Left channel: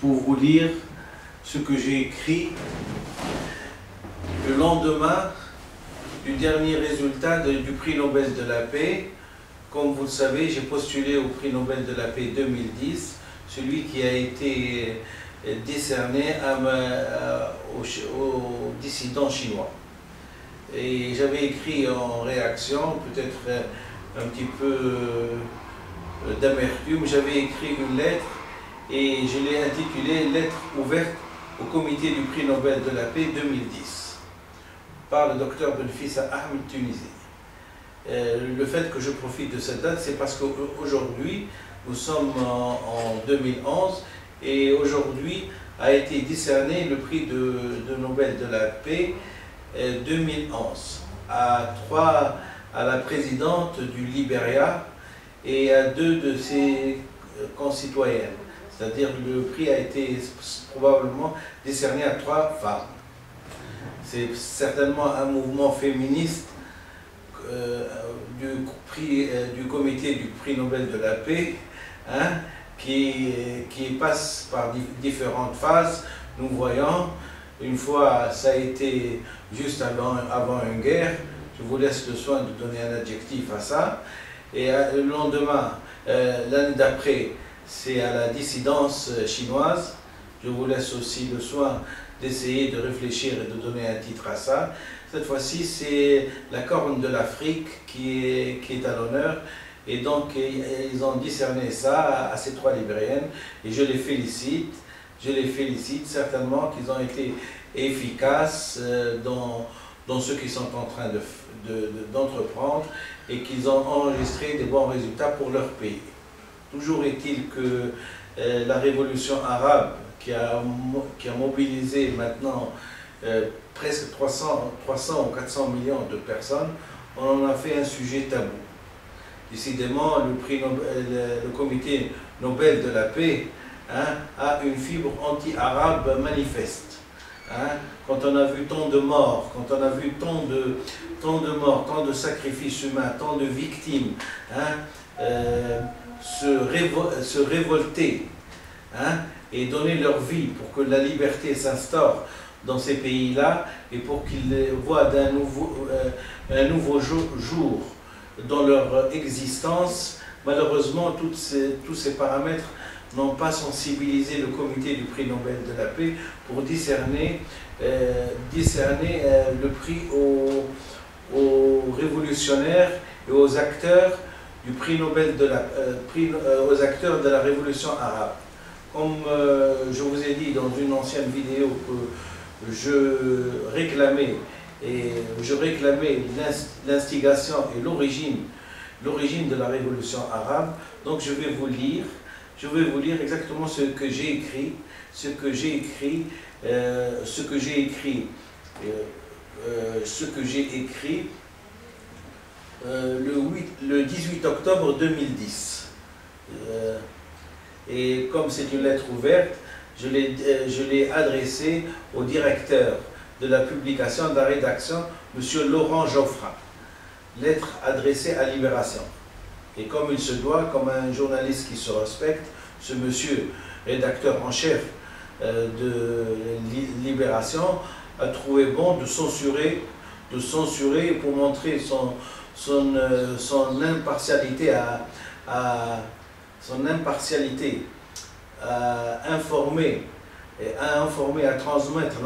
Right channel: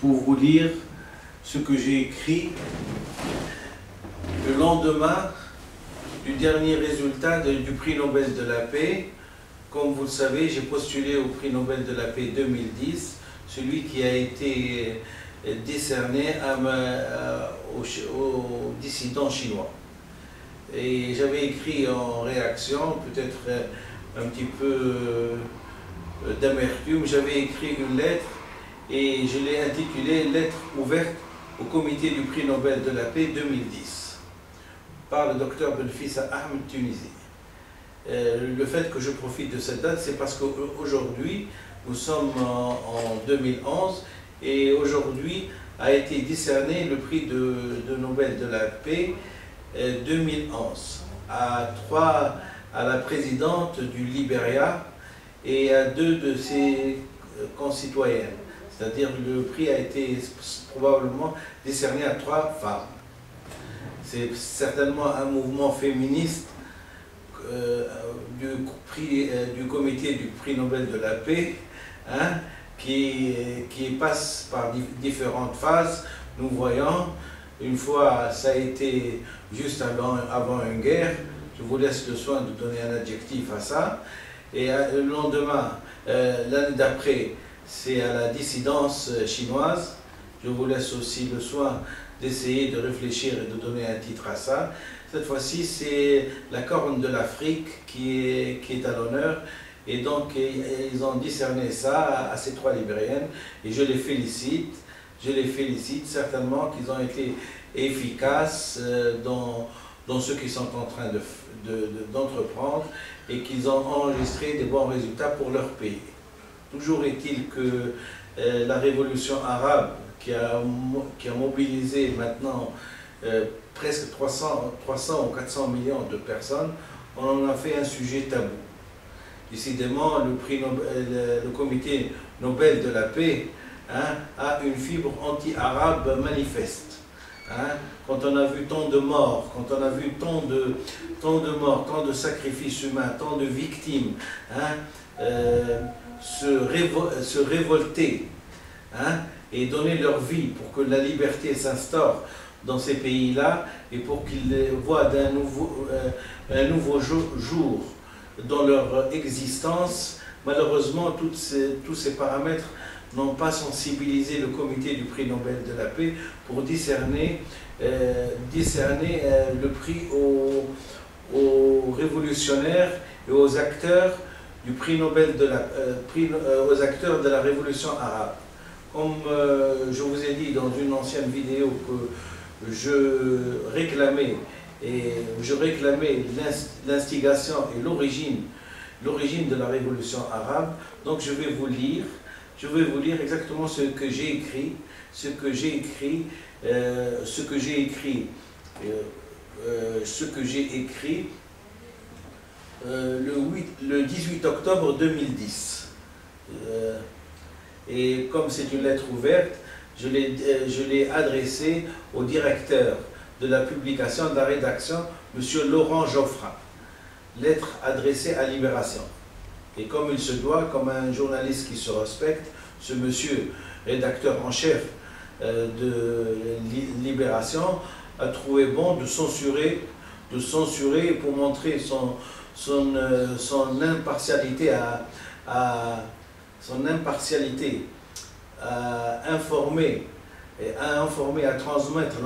pour vous lire ce que j'ai écrit le lendemain du dernier résultat du prix Nobel de la paix. Comme vous le savez, j'ai postulé au prix Nobel de la paix 2010, celui qui a été décerné aux dissidents chinois. Et j'avais écrit en réaction, peut-être un petit peu d'amertume, j'avais écrit une lettre et je l'ai intitulée « Lettre ouverte au comité du prix Nobel de la paix 2010 » par le docteur Benfissa Ahmed Tunisie. Le fait que je profite de cette date, c'est parce qu'aujourd'hui, nous sommes en 2011 et aujourd'hui a été décerné le prix de Nobel de la paix 2011 à la présidente du Libéria et à 2 de ses concitoyennes. C'est-à-dire le prix a été probablement décerné à 3 femmes. C'est certainement un mouvement féministe du comité du prix Nobel de la paix, hein, qui passe par différentes phases. Nous voyons, une fois ça a été juste avant une guerre, je vous laisse le soin de donner un adjectif à ça, et le lendemain, l'année d'après, c'est à la dissidence chinoise. Je vous laisse aussi le soin d'essayer de réfléchir et de donner un titre à ça. Cette fois-ci, c'est la Corne de l'Afrique qui est à l'honneur. Et donc, ils ont décerné ça à ces 3 Libériennes. Et je les félicite. Je les félicite certainement qu'ils ont été efficaces dans ce qu'ils sont en train d'entreprendre et qu'ils ont enregistré des bons résultats pour leur pays. Toujours est-il que la révolution arabe qui a mobilisé maintenant presque 300 ou 400 millions de personnes, on en a fait un sujet tabou. Décidément, le comité Nobel de la paix, hein, a une fibre anti-arabe manifeste. Hein. Quand on a vu tant de morts, quand on a vu tant de sacrifices humains, tant de victimes, hein, se révolter, hein, et donner leur vie pour que la liberté s'instaure dans ces pays-là et pour qu'ils voient un nouveau jour dans leur existence, malheureusement, tous ces paramètres n'ont pas sensibilisé le comité du prix Nobel de la paix pour décerner le prix aux révolutionnaires et aux acteurs du prix Nobel aux acteurs de la révolution arabe. Comme je vous ai dit dans une ancienne vidéo que je réclamais l'instigation et l'origine de la révolution arabe, donc je vais vous lire exactement ce que j'ai écrit le 18 octobre 2010. Et comme c'est une lettre ouverte, je l'ai adressée au directeur de la publication, de la rédaction, M. Laurent Geoffrin. Lettre adressée à Libération. Et comme il se doit, comme un journaliste qui se respecte, ce monsieur, rédacteur en chef de Libération, a trouvé bon de censurer pour montrer son impartialité à informer, à transmettre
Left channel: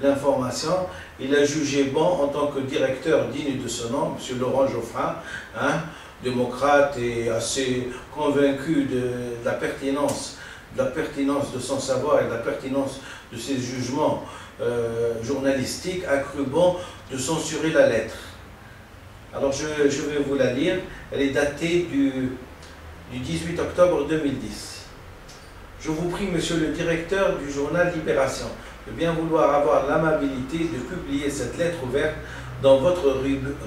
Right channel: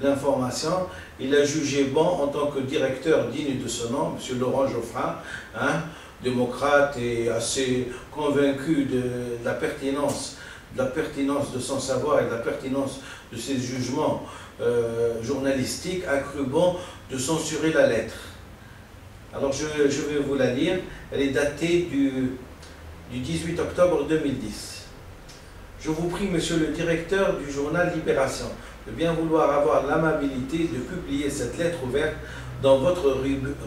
l'information. Il a jugé bon, en tant que directeur digne de ce nom, M. Laurent Geoffrin, hein, démocrate et assez convaincu de la pertinence de son savoir et de la pertinence de ses jugements journalistiques, a cru bon de censurer la lettre. Alors je vais vous la lire. Elle est datée du 18 octobre 2010. Je vous prie, monsieur le directeur du journal Libération, de bien vouloir avoir l'amabilité de publier cette lettre ouverte dans votre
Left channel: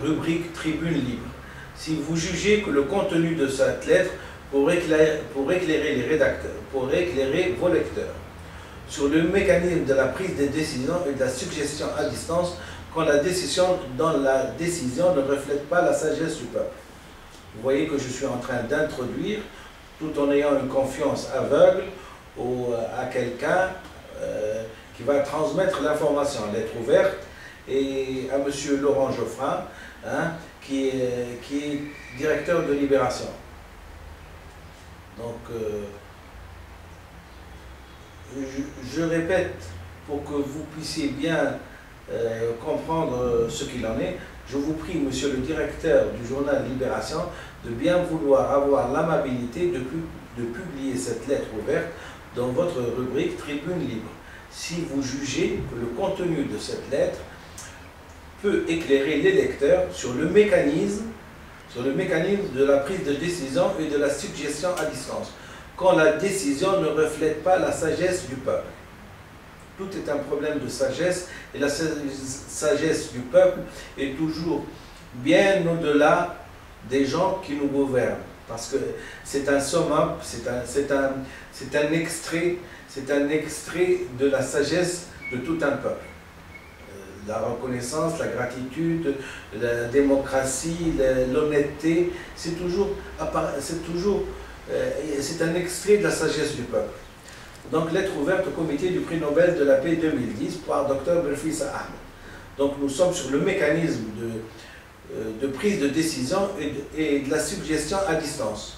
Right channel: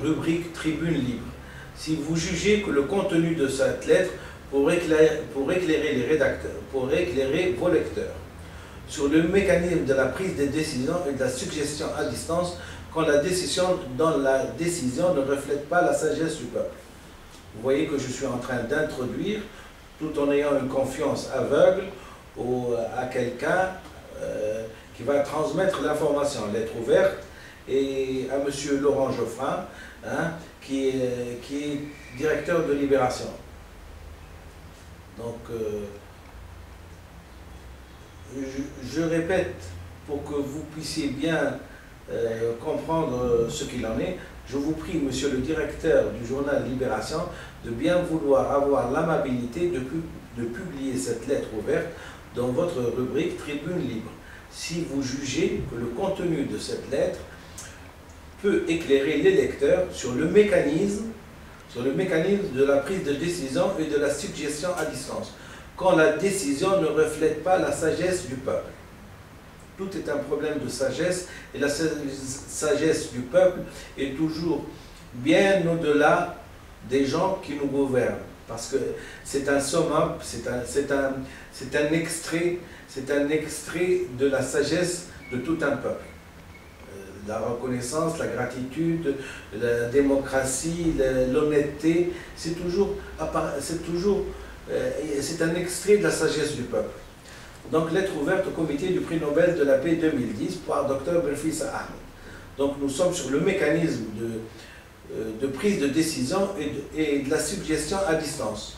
rubrique Tribune Libre. Si vous jugez que le contenu de cette lettre pour éclairer vos lecteurs sur le mécanisme de la prise des décisions et de la suggestion à distance quand la décision ne reflète pas la sagesse du peuple. Vous voyez que je suis en train d'introduire, tout en ayant une confiance aveugle, à quelqu'un qui va transmettre l'information, lettre ouverte, et à M. Laurent Geoffrin, hein, qui est directeur de Libération. Donc, je répète, pour que vous puissiez bien comprendre ce qu'il en est, je vous prie, monsieur le directeur du journal Libération, de bien vouloir avoir l'amabilité de publier cette lettre ouverte dans votre rubrique Tribune Libre, si vous jugez que le contenu de cette lettre peut éclairer les lecteurs sur le mécanisme de la prise de décision et de la suggestion à distance, quand la décision ne reflète pas la sagesse du peuple. Tout est un problème de sagesse, et la sagesse du peuple est toujours bien au-delà des gens qui nous gouvernent, parce que c'est un summum, c'est un extrait de la sagesse de tout un peuple. La reconnaissance, la gratitude, la démocratie, l'honnêteté, c'est un extrait de la sagesse du peuple. Donc, lettre ouverte au comité du prix Nobel de la paix 2010 par Dr Benfissa Ahmed. Donc, nous sommes sur le mécanisme de prise de décision et de la suggestion à distance.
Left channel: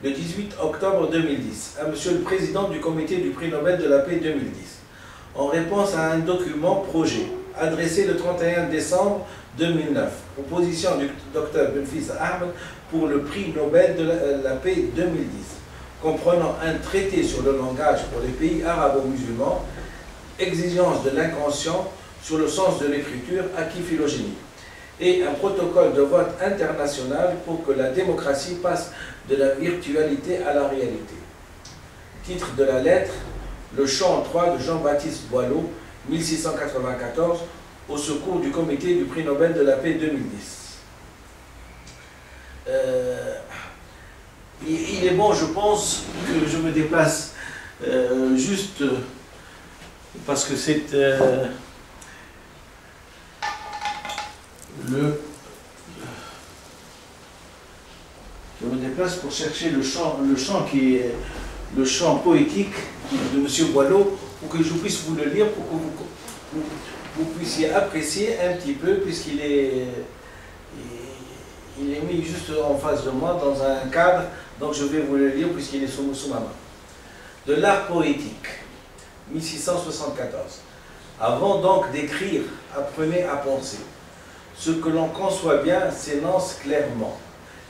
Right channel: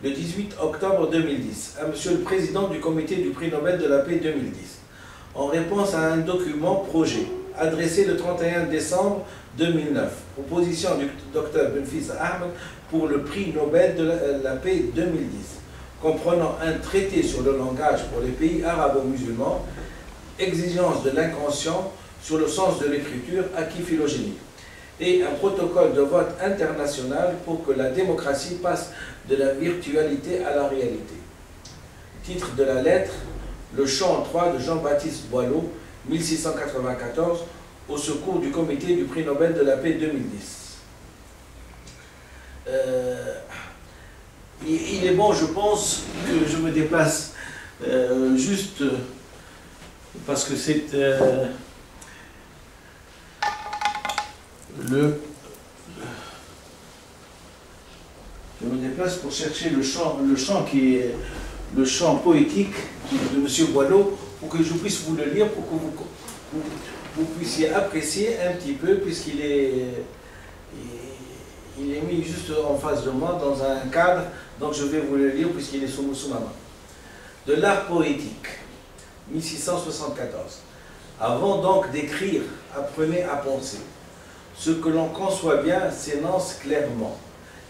Le 18 octobre 2010, à Monsieur le Président du comité du prix Nobel de la paix 2010, en réponse à un document projet adressé le 31 décembre 2009, proposition du Dr Benfissa Ahmed pour le prix Nobel de la paix 2010, comprenant un traité sur le langage pour les pays arabo-musulmans, exigence de l'inconscient sur le sens de l'écriture acquis phylogénique, et un protocole de vote international pour que la démocratie passe de la virtualité à la réalité. Titre de la lettre: Le chant 3 de Jean-Baptiste Boileau, 1694, au secours du comité du prix Nobel de la paix 2010. Il est bon, je pense, que je me déplace juste parce que c'est je me déplace pour chercher le chant qui est le chant poétique de M. Boileau, pour que je puisse vous le lire, pour que vous puissiez apprécier un petit peu, puisqu'il est mis juste en face de moi, dans un cadre, donc je vais vous le lire, puisqu'il est sous ma main. De l'art poétique, 1674. Avant donc d'écrire, apprenez à penser. Ce que l'on conçoit bien s'énonce clairement,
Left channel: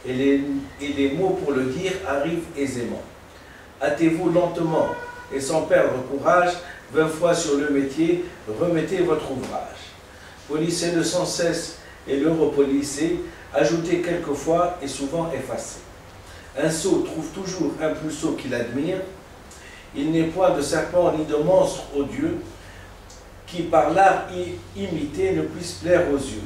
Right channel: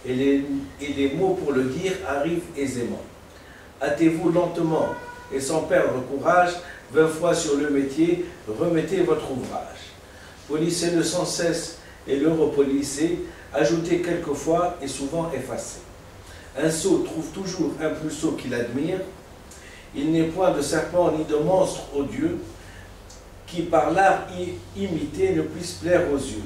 et les mots pour le dire arrivent aisément. Hâtez-vous lentement, et sans perdre courage, 20 fois sur le métier, remettez votre ouvrage. Polissez-le sans cesse et le repolissez, ajoutez quelquefois et souvent effacez. Un sot trouve toujours un plus sot qu'il admire. Il n'est point de serpent ni de monstre odieux qui par l'art imité ne puisse plaire aux yeux.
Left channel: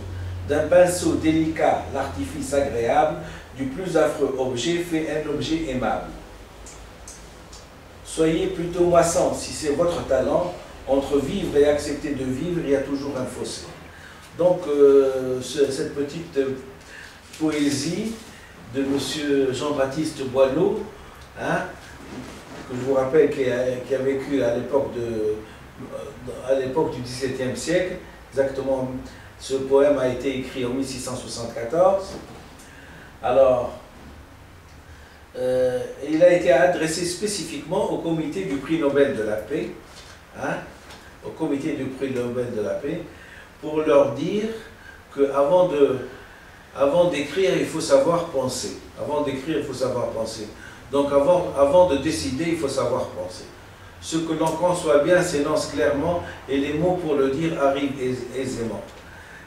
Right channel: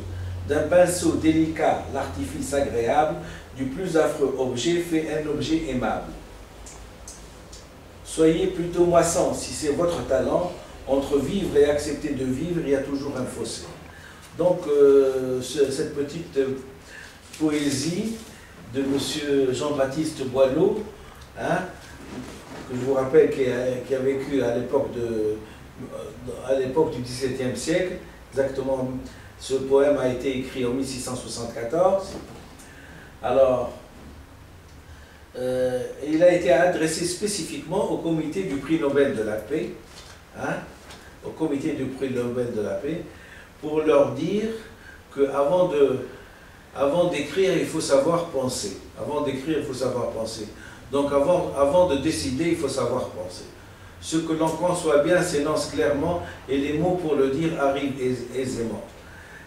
D'un pinceau délicat, l'artifice agréable, du plus affreux objet fait un objet aimable. Soyez plutôt moissant, si c'est votre talent. Entre vivre et accepter de vivre, il y a toujours un fossé. Donc, cette petite poésie de M. Jean-Baptiste Boileau, hein, que je vous rappelle qui a vécu à l'époque du XVIIe siècle, exactement. Ce poème a été écrit en 1674. Alors, il a été adressé spécifiquement au comité du prix Nobel de la paix, hein, au comité du prix Nobel de la paix, pour leur dire qu'avant d'écrire, il faut savoir penser. Avant d'écrire, il faut savoir penser. Donc avant de décider, il faut savoir penser. Ce que l'on conçoit bien s'énonce clairement et les mots pour le dire arrivent aisément.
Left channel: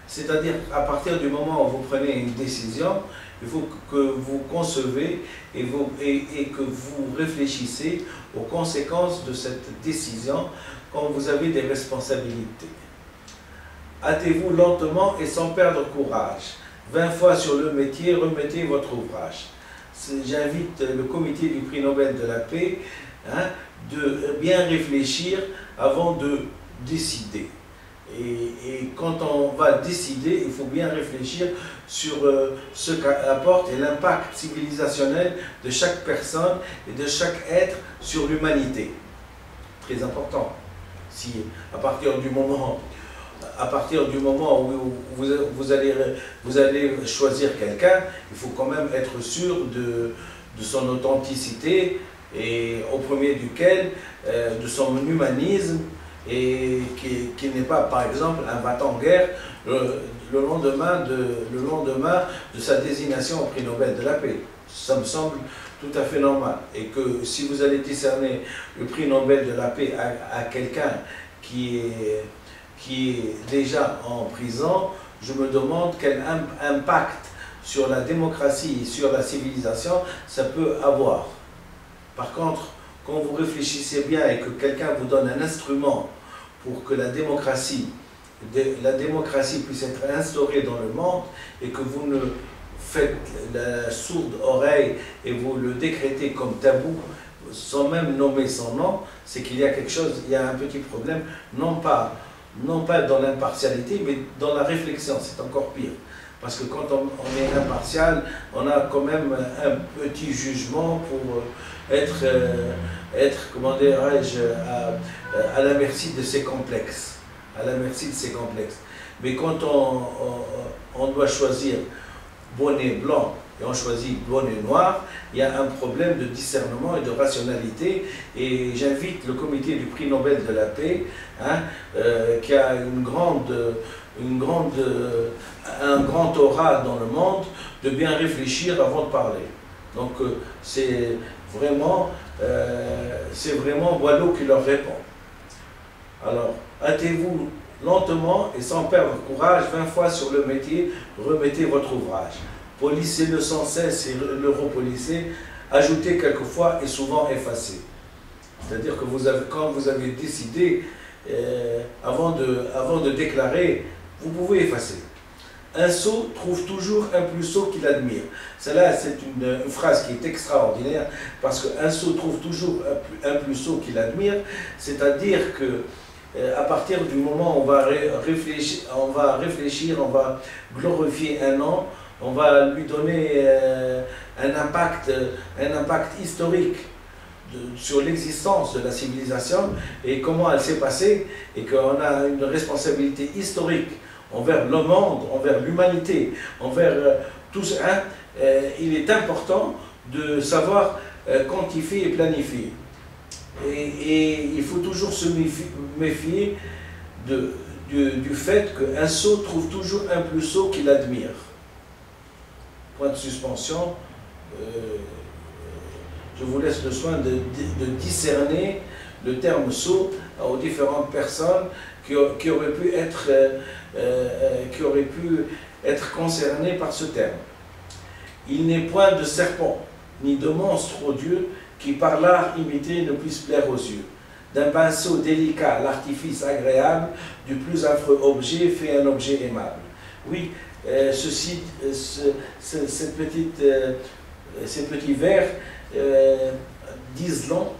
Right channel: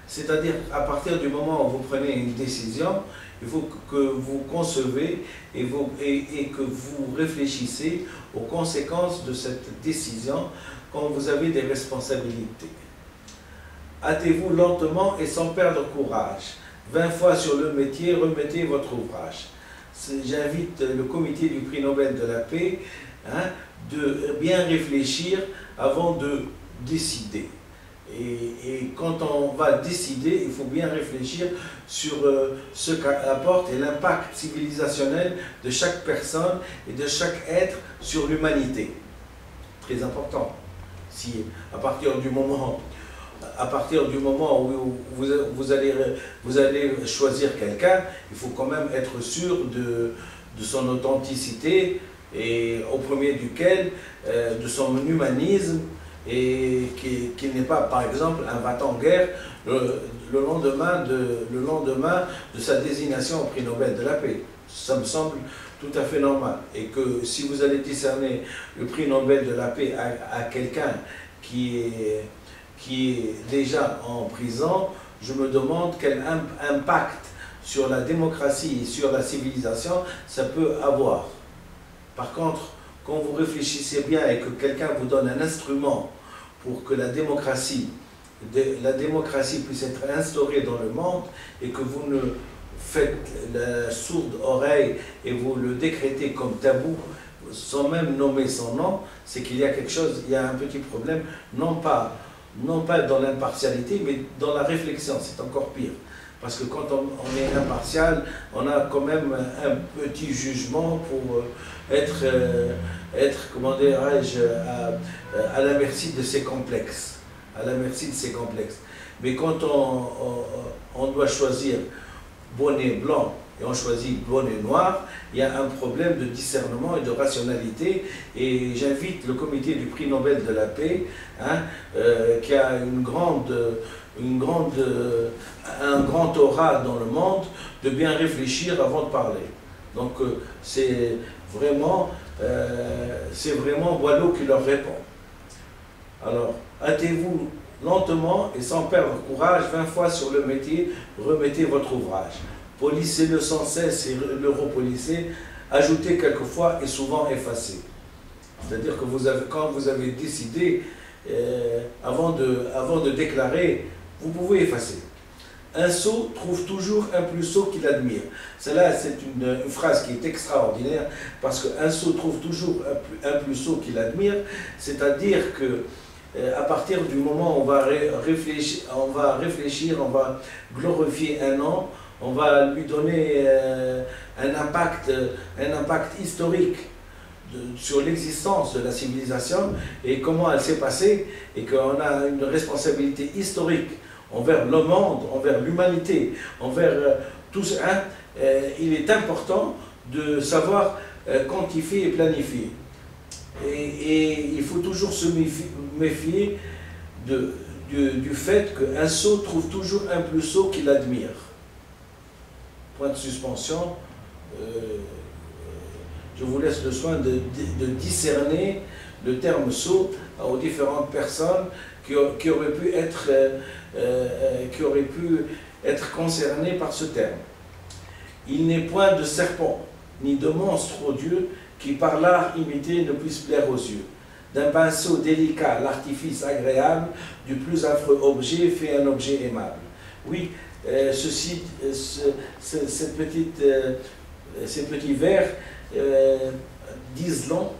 C'est-à-dire, à partir du moment où vous prenez une décision, il faut que vous concevez et que vous réfléchissez aux conséquences de cette décision quand vous avez des responsabilités. Hâtez-vous lentement et sans perdre courage. 20 fois sur le métier, remettez votre ouvrage. J'invite le comité du prix Nobel de la paix, hein, de bien réfléchir avant de décider. Et quand on va décider, il faut bien réfléchir sur ce qu'apporte et l'impact civilisationnel de chaque personne et de chaque être sur l'humanité. Très important. Si à partir du moment où vous allez choisir quelqu'un, il faut quand même être sûr de son authenticité et au premier duquel de son humanisme, et qui n'est pas, par exemple, un va-t-en-guerre le lendemain de sa désignation au prix Nobel de la paix. Ça me semble tout à fait normal. Et que si vous allez décerner le prix Nobel de la paix à quelqu'un qui est déjà en prison, je me demande quel impact sur la démocratie et sur la civilisation ça peut avoir. Par contre, quand vous réfléchissez bien et que quelqu'un vous donne un instrument pour que la démocratie puisse être instaurée dans le monde et que vous ne faites la sourde oreille et vous le décrétez comme tabou sans même nommer son nom, c'est qu'il y a quelque chose, il y a un petit problème, non pas dans l'impartialité, mais dans la réflexion, c'est encore pire. Parce que quand on est impartial, on a quand même un petit jugement pour être comment dirais-je, à la merci de ses complexes. À la merci de ses complexes. Mais quand on doit choisir bonnet blanc et on choisit bonnet noir, il y a un problème de discernement et de rationalité. Et j'invite le comité du prix Nobel de la paix, qui a un grand aura dans le monde, de bien réfléchir avant de parler. Donc c'est vraiment Boileau qui leur répond. Alors, hâtez-vous lentement et sans perdre courage, 20 fois sur le métier, remettez votre ouvrage. Polissez-le sans cesse et le repolissez, ajoutez quelquefois et souvent effacez. C'est-à-dire que quand vous avez décidé, avant de déclarer, vous pouvez effacer. Un sot trouve toujours un plus sot qu'il admire. Celle-là, c'est une phrase qui est extraordinaire, parce qu'un sot trouve toujours un plus sot qu'il admire, c'est-à-dire que à partir du moment où on va réfléchir, on va glorifier un homme, on va lui donner un impact historique sur l'existence de la civilisation et comment elle s'est passée, et qu'on a une responsabilité historique envers le monde, envers l'humanité, envers tout ça. Il est important de savoir quantifier et planifier. Et il faut toujours se méfier du fait qu'un sot trouve toujours un plus sot qu'il admire. Point de suspension. Je vous laisse le soin de discerner le terme sot aux différentes personnes qui auraient pu être concernées par ce terme. Il n'est point de serpent, ni de monstre odieux, qui par l'art imité ne puisse plaire aux yeux. D'un pinceau délicat, l'artifice agréable, du plus affreux objet fait un objet aimable. Oui, ces petits vers disent long.